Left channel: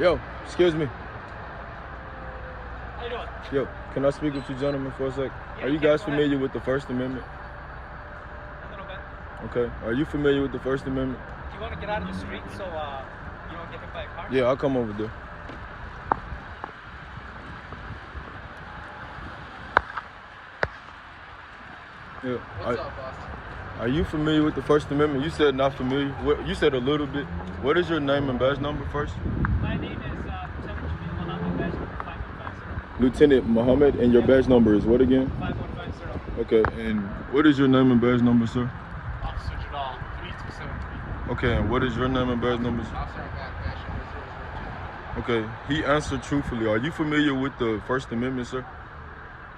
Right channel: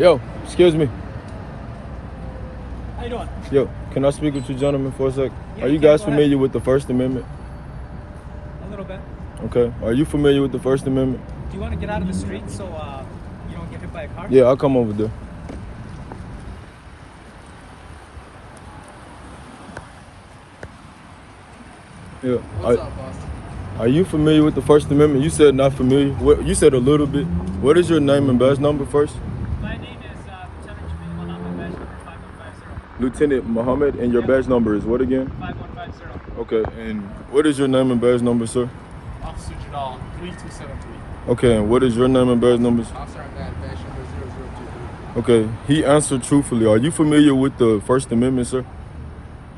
Yo, excuse me. How you doing? Yo, can I speak with you gentlemen for a sec? Yeah, Are you guys familiar with the First Amendment? A little bit. Okay. Are you familiar with the First Amendment? Do you want to get out of the street so you don't get hit by a car? Yeah, I'll come over there. Yeah. What's up, boss? Are you familiar with the First Amendment? You said not familiar. What, you said a little bit. What is your name and badge number first? My name is Lieutenant Muhammad, and your badge number is what again? 5150. Okay, and what is your name and badge number, sir? Officer Jadal, 3273. Okay, and what is your name and badge numbers? Officer Ahmad, badge number 0023. Okay, he answered truthfully. Are you familiar with the First Amendment, sir?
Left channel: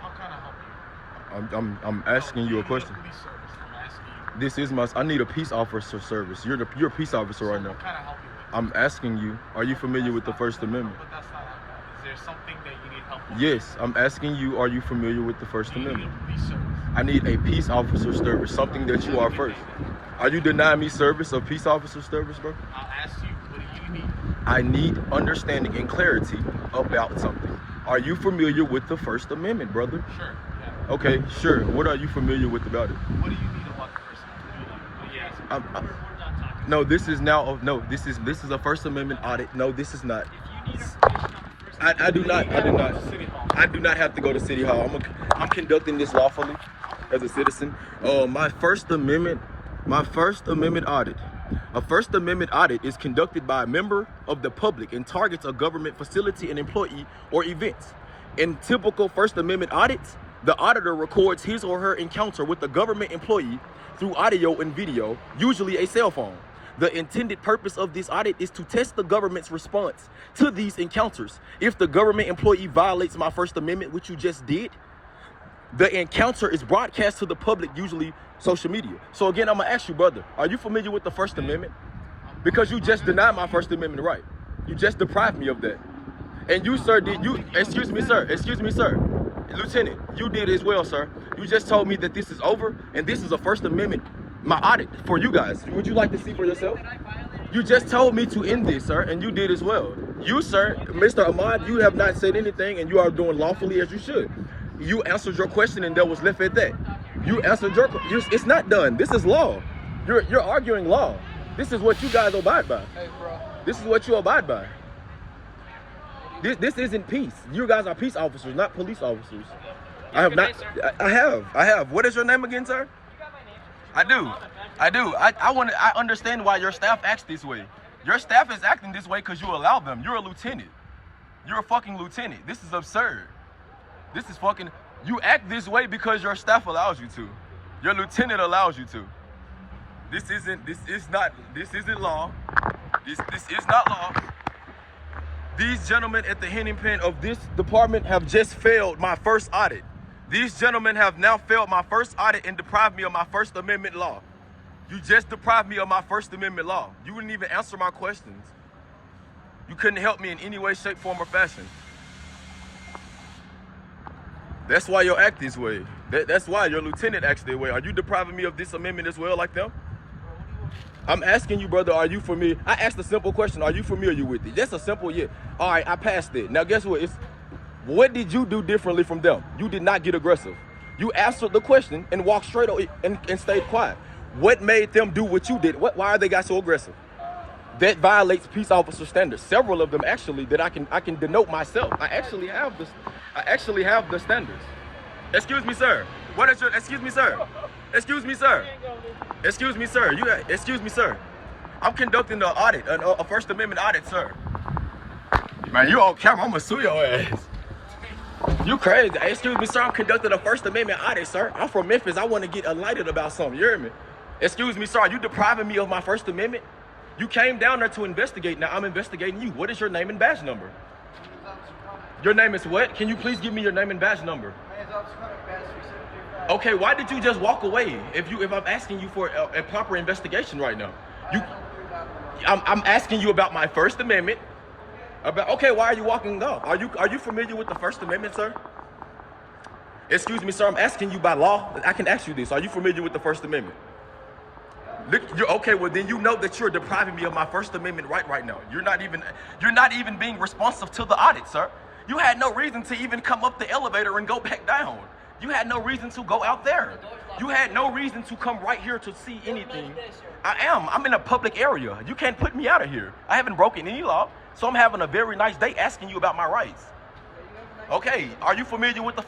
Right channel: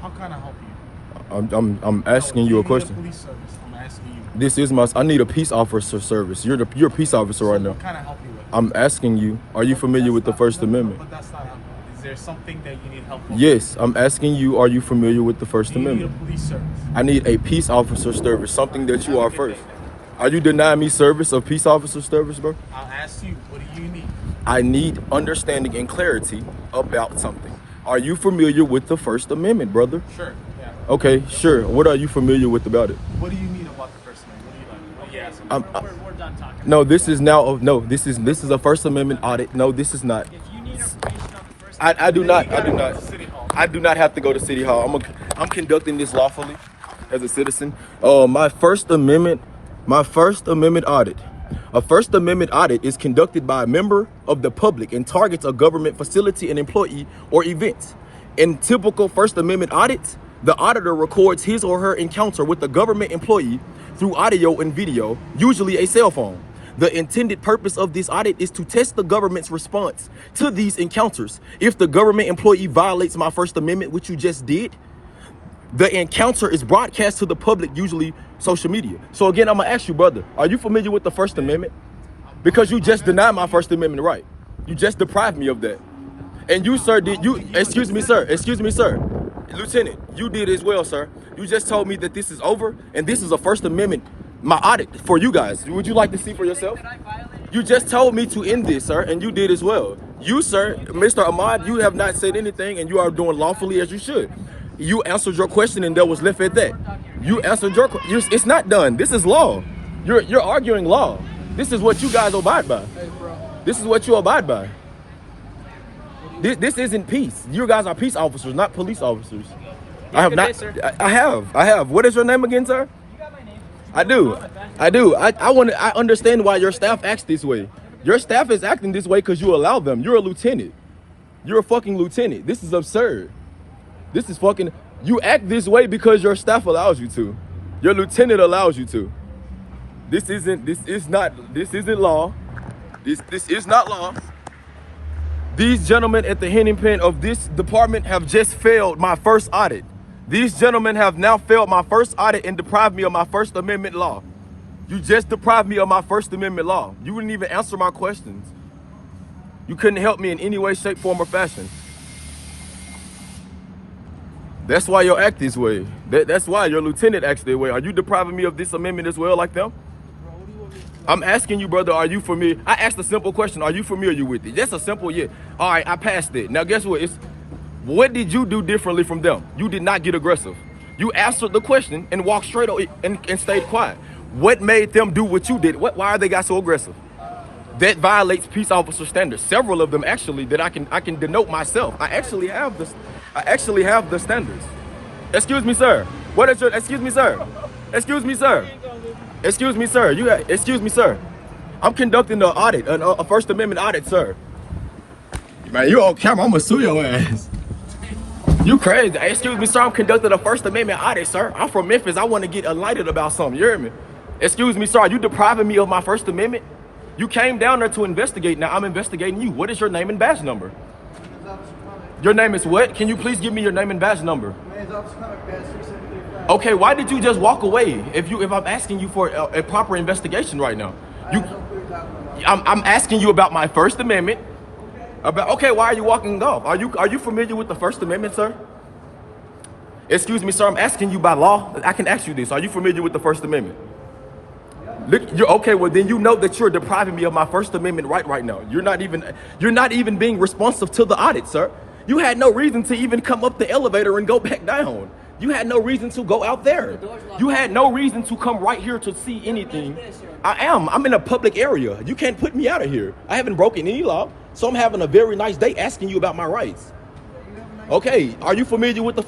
How can I help you? I'm asking you a question. Police service. I'm asking you. This is I need a peace officer service. You're a peace officer right now. What can I help you with? I'm asking you, are you familiar with the First Amendment? But that's not helping. Is there something that you need help with? Yes, I'm asking you, are you familiar with the First Do you need Amendment? a police service? I need a peace officer service, something that you are first. Are you denying me service of peace officer service, bro? I'll ask you, what do you need? I need understanding and clarity about something. Are you familiar with the First Amendment, brother? Sure. Yeah. Okay, sure. What are you familiar with about it? What do you need about the First Amendment? What do you like? What are you asking? We're done talking. No, this is now. No, this is a First Amendment audit. No, this is not. If you need information on the First I do not. You gotta go to City Hall. I do not have to go to City Hall. I'm conducting this lawfully as a citizen. My First Amendment audit. A First Amendment audit is conducted by a member of the public and targets a government facility, an employee, or event. In typical First Amendment audits, the auditor records his or her encounter with the government employee through audio and video, usually a cell phone. The intended purpose of this audit is to test the government's response to these encounters. If the government employee violates my First Amendment, which you just did, the encounter is broadcast to the public, usually social media. So again, I'm gonna ask you, brother, are you familiar with the First Amendment? Because you just denied my First Amendment right. You just deprived me of that. And you, sir, excuse me, sir. Lieutenant, you did as well, sir. You just told me that this is over and this is a First Amendment, my audit for you guys. Would you like to see for yourself? You just told me to end this, sir, and you did as well. You, sir, Mr. Ahmad, you have not said anything and you are doing lawfully as you should. You answered your question and that was left at that. You answered your question. It's not done. This is law. You're arguing law. This is what you guys abide by. This is what you abide by. This isn't peace. You guys are peace officers, not police officers. I have not. I have. What is your name again, sir? I do. I understand why your staff acts this way. Your staff is acting this way because you allow them. You're a lieutenant. You're a fucking lieutenant. This is absurd. This is fucking. You act this way because your staff allows you to. Your lieutenant allows you to. This isn't law. This is not law. These gentlemen at the handing pen of this department have just failed my first audit. These gentlemen have now failed my first audit and deprived me of my First Amendment law. You just deprived me of my First Amendment law. You wouldn't even answer my questions. You couldn't help me in any way, shape, form, or fashion. That's why you act this way. That's why your lieutenant acts that way. Are you depriving me of this amendment as well like them? I'm asking you, brother, are you familiar? I asked a simple question. Are you familiar with it? That's a simple yeah. All right, I passed it. Now, guess what? What did you do differently from them? You did not get aggressive. You answered the question and walked straight and stayed quiet. What made them do what you did? Why are they got so aggressive? That violates peace officer standards. Several of them actually that I can denote myself. I actually have the standards. Excuse me, sir. What is your? Excuse me, sir. Excuse me, sir. Excuse me, sir. Excuse me, sir. I'm conducting an audit, a First Amendment audit, sir. Man, you on camera? I'm gonna sue your ass. You crazy? Excuse me, sir. I'm conducting a First Amendment audit, sir. I'm from Memphis. I want to get enlightened about something. You hear me? Excuse me, sir. Are you depriving me of my First Amendment? You came down there to investigate. Now I'm investigating you. What is your name and badge number? Your name is what? Can you please give me your name and badge number? Okay, why did you just walk away if I'm asking you for a proper investigation right now? I'm asking you about my First Amendment. Okay, why are you walking off? Are you familiar with the First Amendment, sir? Excuse me, sir, I'm asking you by law. I can ask you this. Are you familiar with the First Amendment? Okay, well then you know that you're depriving me of my First Amendment right now. You're not even being responsive to the audit, sir. You had no reason to even come up the elevator and go back down. You had no reason to go out there. You had no reason to come right here to see anything. I'm in a public area. You can't put me out of here. I haven't broken any law, so I'm having a very nice day asking you about my rights. Okay, are you familiar with the